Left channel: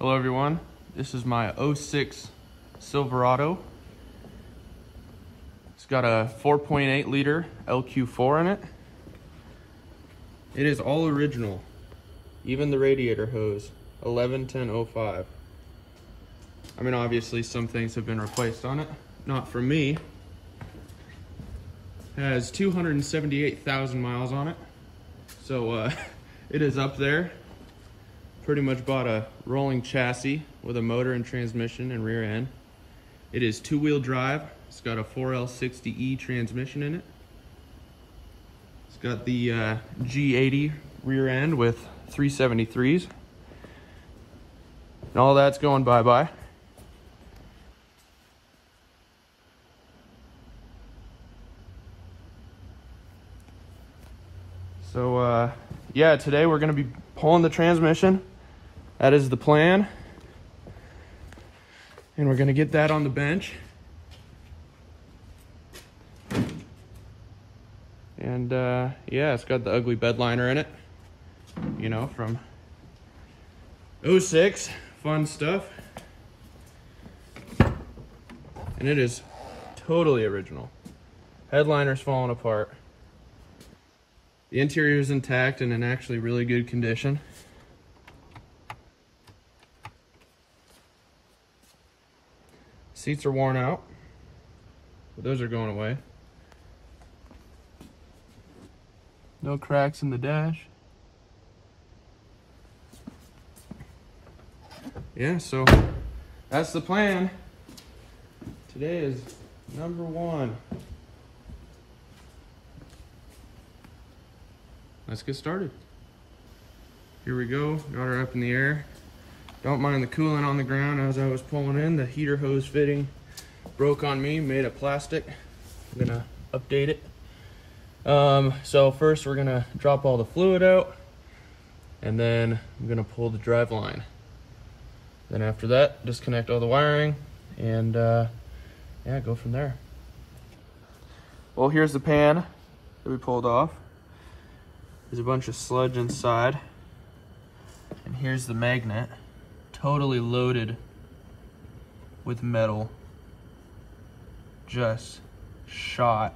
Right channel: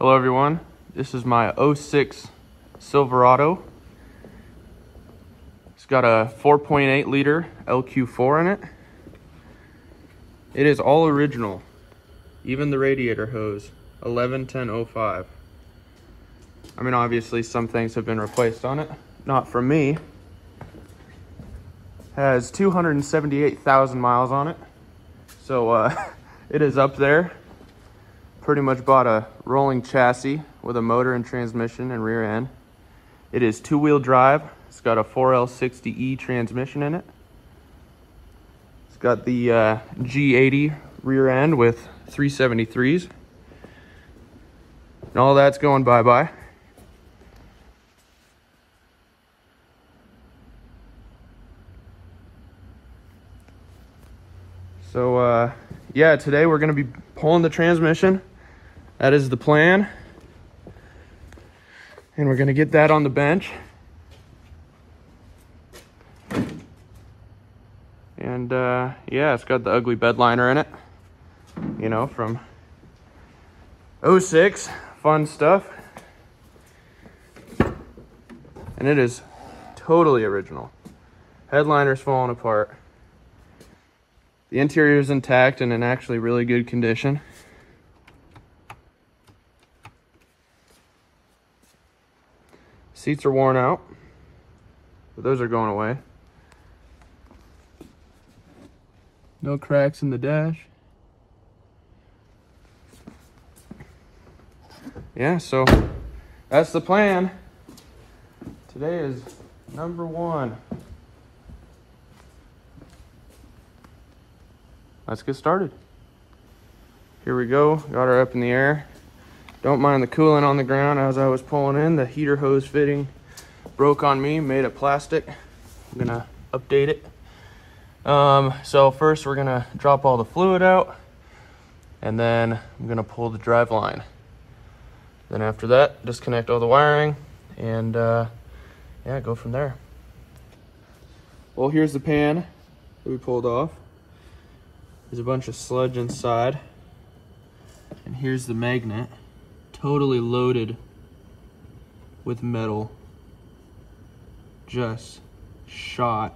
Hello everyone, this is my '06 Silverado. It's got a 4.8 liter LQ4 in it. It is all original, even the radiator hose, 111005. I mean, obviously some things have been replaced on it, not from me. Has 278,000 miles on it, so it is up there. Pretty much bought a rolling chassis with a motor and transmission and rear end. It is two-wheel drive. It's got a 4L60E transmission in it. It's got the G80 rear end with 373s. And all that's going bye-bye. So yeah, today we're gonna be pulling the transmission. That is the plan. And we're gonna get that on the bench. And yeah, it's got the ugly bed liner in it, you know, from '06, fun stuff. And it is totally original. Headliner's falling apart. The interior is intact and in actually really good condition. Seats are worn out, but those are going away. No cracks in the dash. Yeah, so that's the plan. Today is number one. Let's get started. Here we go, got her up in the air. Don't mind the coolant on the ground as I was pulling in. The heater hose fitting broke on me, made of plastic. I'm gonna update it. So first we're gonna drop all the fluid out, and then I'm gonna pull the drive line. Then after that, disconnect all the wiring, and yeah, go from there. Well, here's the pan that we pulled off. There's a bunch of sludge inside. And here's the magnet, totally loaded with metal, just shot.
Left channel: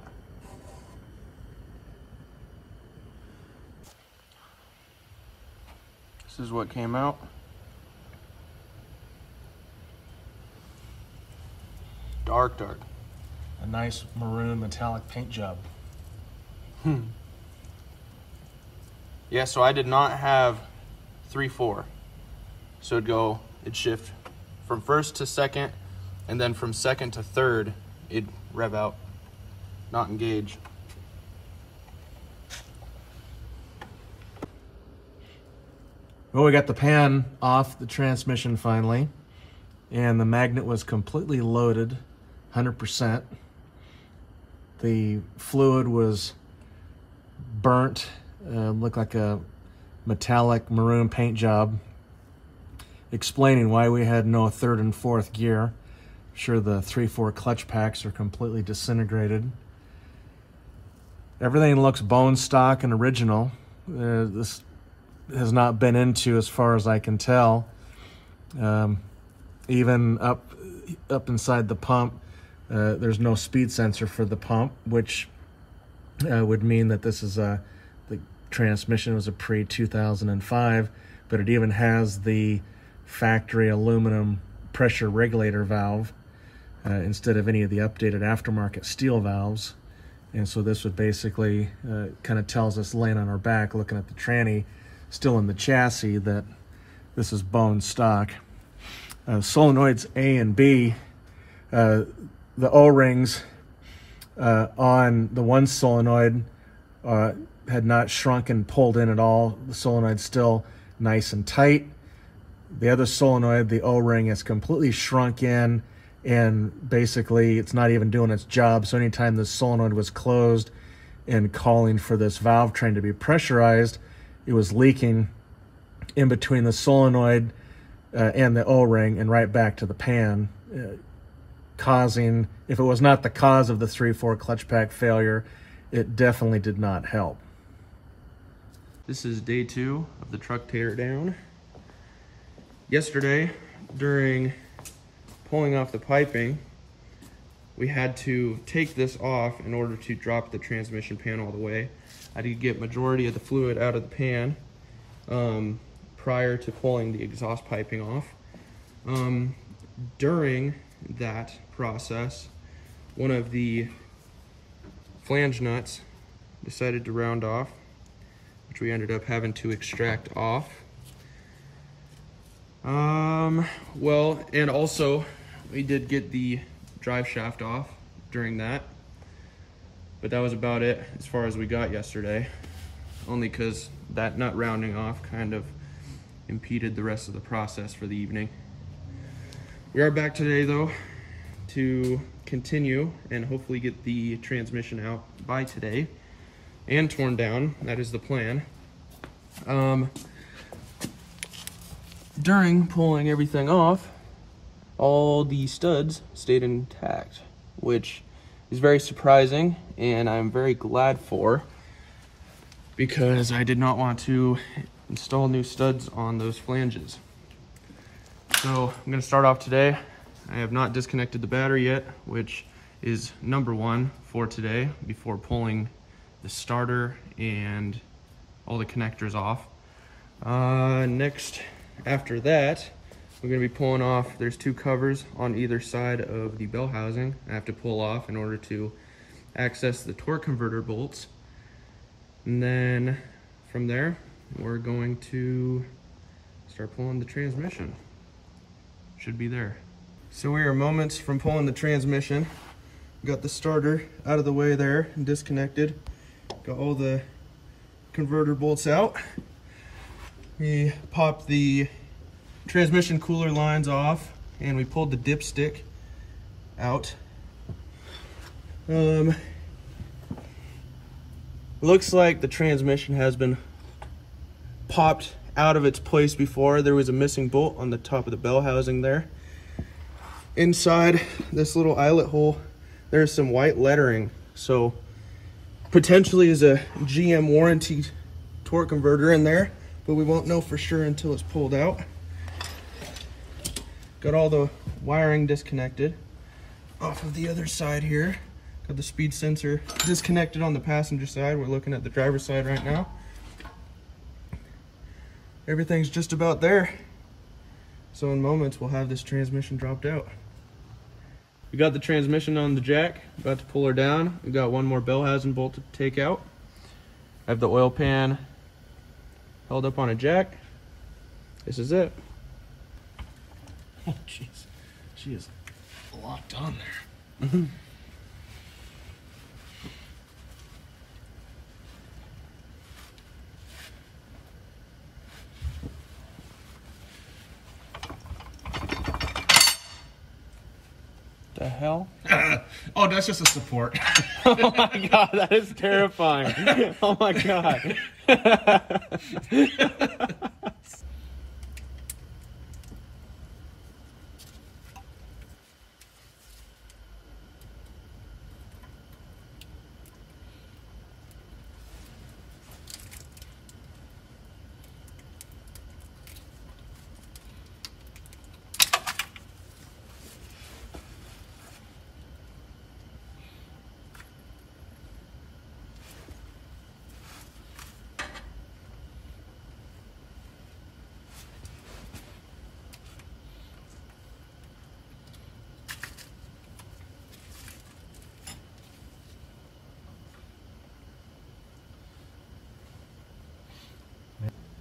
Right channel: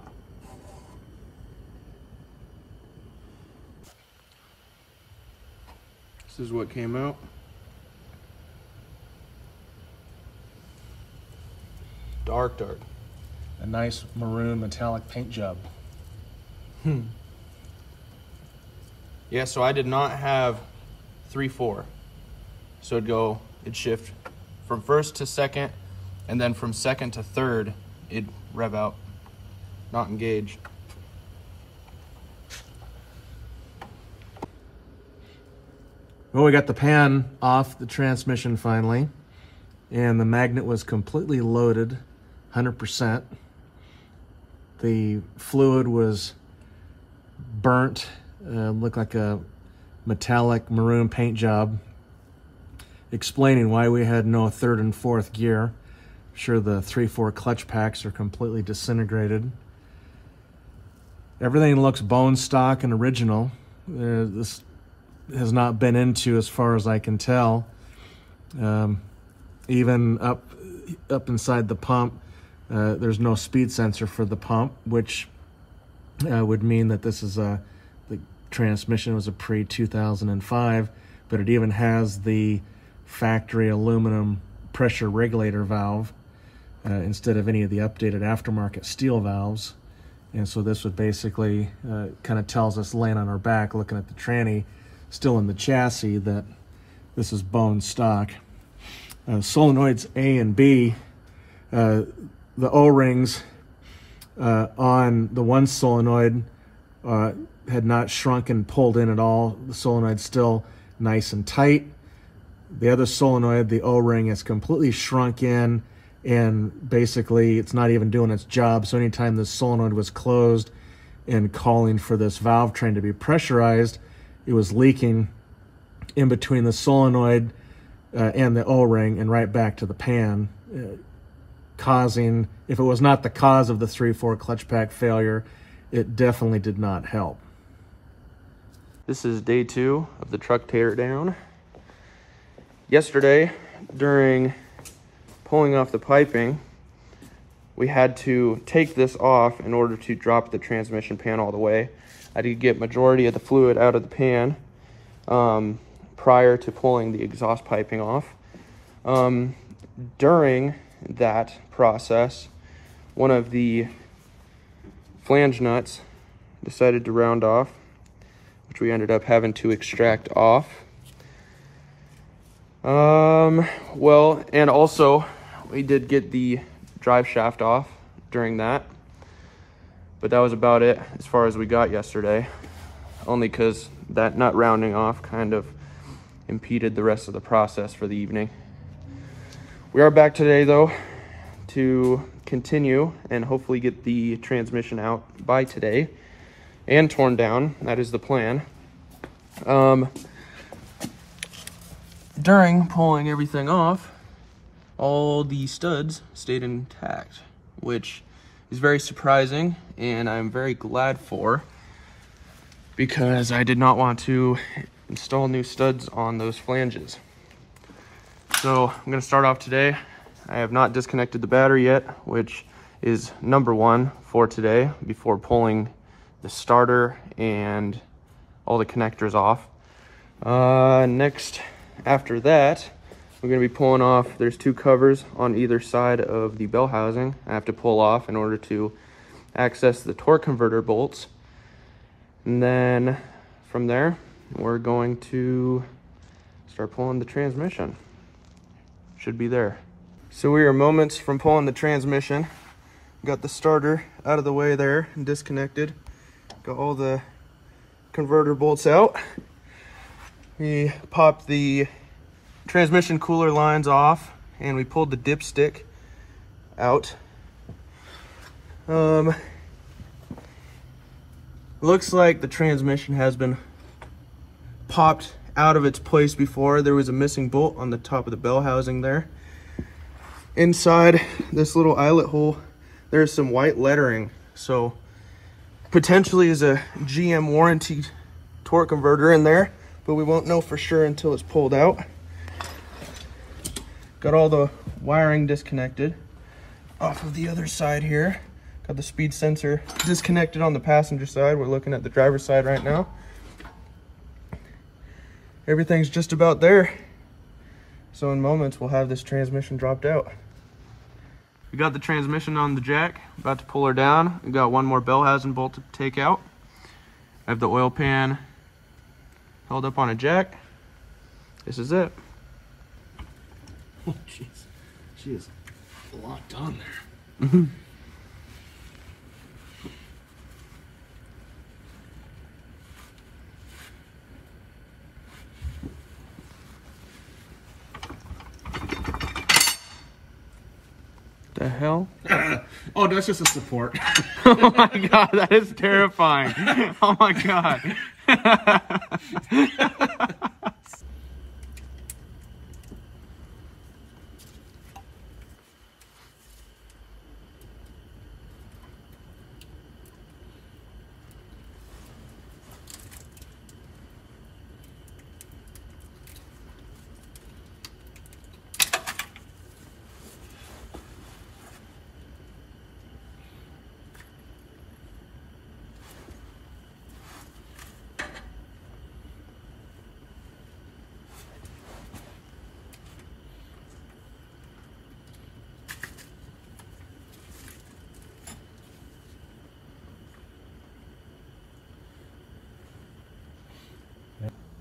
This is what came out. Dark. A nice maroon metallic paint job. Yeah, so I did not have 3/4. So it'd shift from first to second, and then from second to third, it'd rev out, not engage. Well, we got the pan off the transmission finally, and the magnet was completely loaded, 100%. The fluid was burnt, looked like a metallic maroon paint job, explaining why we had no third and fourth gear. I'm sure the 3/4 clutch packs are completely disintegrated. Everything looks bone stock and original. This has not been into, as far as I can tell. Even up inside the pump, there's no speed sensor for the pump, which would mean that this is the transmission was a pre-2005, but it even has the factory aluminum pressure regulator valve instead of any of the updated aftermarket steel valves. And so this would basically kind of tells us, laying on our back looking at the tranny still in the chassis, that this is bone stock. Solenoids A and B, the O-rings on the one solenoid had not shrunk and pulled in at all. The solenoid's still nice and tight. The other solenoid, the O-ring, is completely shrunk in, and basically it's not even doing its job. So anytime the solenoid was closed and calling for this valve train to be pressurized, it was leaking in between the solenoid and the O-ring and right back to the pan, causing, if it was not the cause of the 3/4 clutch pack failure, it definitely did not help. This is day 2 of the truck tear down. Yesterday, during pulling off the piping, we had to take this off in order to drop the transmission pan all the way. I had to get majority of the fluid out of the pan prior to pulling the exhaust piping off. During that process, one of the flange nuts decided to round off, which we ended up having to extract off. Well, and also we did get the drive shaft off during that, but that was about it as far as we got yesterday, only because that nut rounding off kind of impeded the rest of the process for the evening. We are back today though to continue and hopefully get the transmission out by today and torn down. That is the plan. During pulling everything off, all the studs stayed intact, which is very surprising and I'm very glad for, because I did not want to install new studs on those flanges. So I'm going to start off today. I have not disconnected the battery yet, which is number one for today before pulling the starter and all the connectors off. Next, after that, we're going to be pulling off, there's two covers on either side of the bell housing I have to pull off in order to access the torque converter bolts. And then from there, we're going to start pulling the transmission. Should be there. So we are moments from pulling the transmission. Got the starter out of the way there and disconnected. Got all the converter bolts out. We popped the transmission cooler lines off and we pulled the dipstick out. Looks like the transmission has been popped out of its place before. There was a missing bolt on the top of the bell housing there. Inside this little eyelet hole, there's some white lettering, so potentially is a GM warranty torque converter in there, but we won't know for sure until it's pulled out. Got all the wiring disconnected off of the other side here. Got the speed sensor disconnected on the passenger side. We're looking at the driver's side right now. Everything's just about there. So in moments, we'll have this transmission dropped out. We got the transmission on the jack, about to pull her down. We got one more bell housing bolt to take out. I have the oil pan held up on a jack. This is it. Oh, jeez. She is locked on there. Mm-hmm. The hell? Oh, that's just a support. Oh my god, that is terrifying. Oh my god.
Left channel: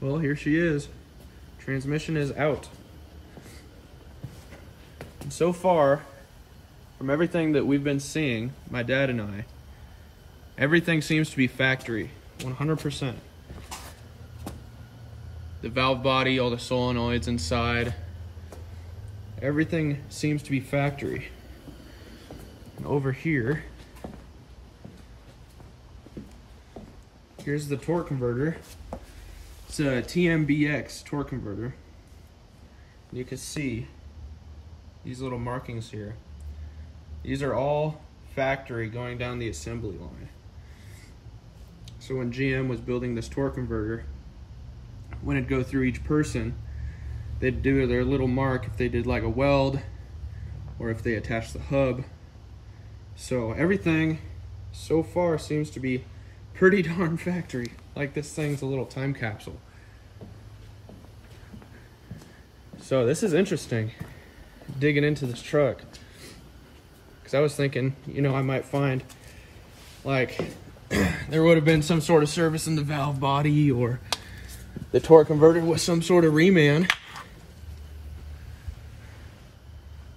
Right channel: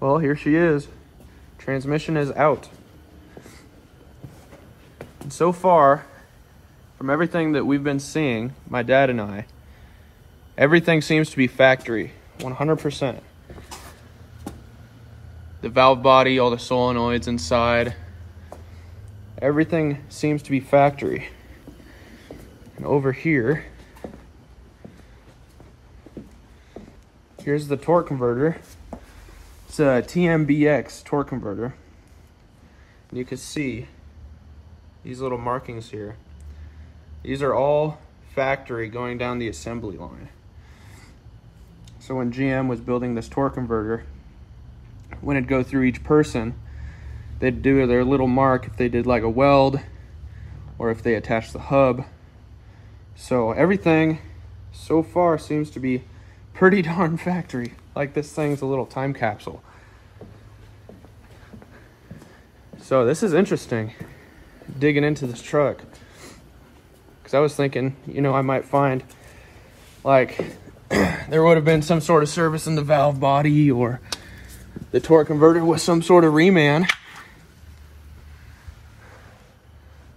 Well, here she is. Transmission is out. And so far, from everything that we've been seeing, my dad and I, everything seems to be factory, 100%. The valve body, all the solenoids inside, everything seems to be factory. And over here, here's the torque converter. It's a TMBX torque converter. And you can see these little markings here. These are all factory going down the assembly line. So when GM was building this torque converter, when it'd go through each person, they'd do their little mark if they did like a weld or if they attached the hub. So everything so far seems to be pretty darn factory. Like this thing's a little time capsule. So this is interesting, digging into this truck. Because I was thinking, you know, I might find like there would have been some sort of service in the valve body or the torque converter with some sort of reman.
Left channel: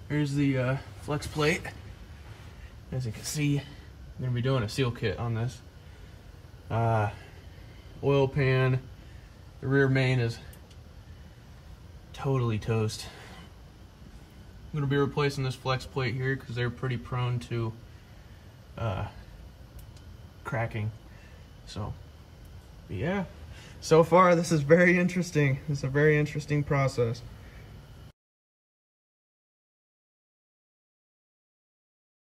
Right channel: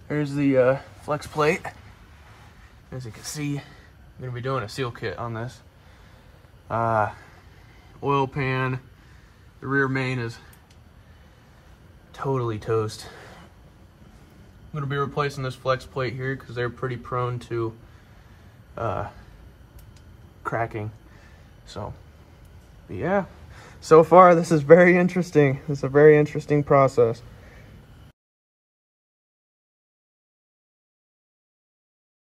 Here's the flex plate. As you can see, I'm gonna be doing a seal kit on this. Oil pan, the rear main is totally toast. I'm gonna be replacing this flex plate here because they're pretty prone to cracking. So yeah, so far this is very interesting. This is a very interesting process.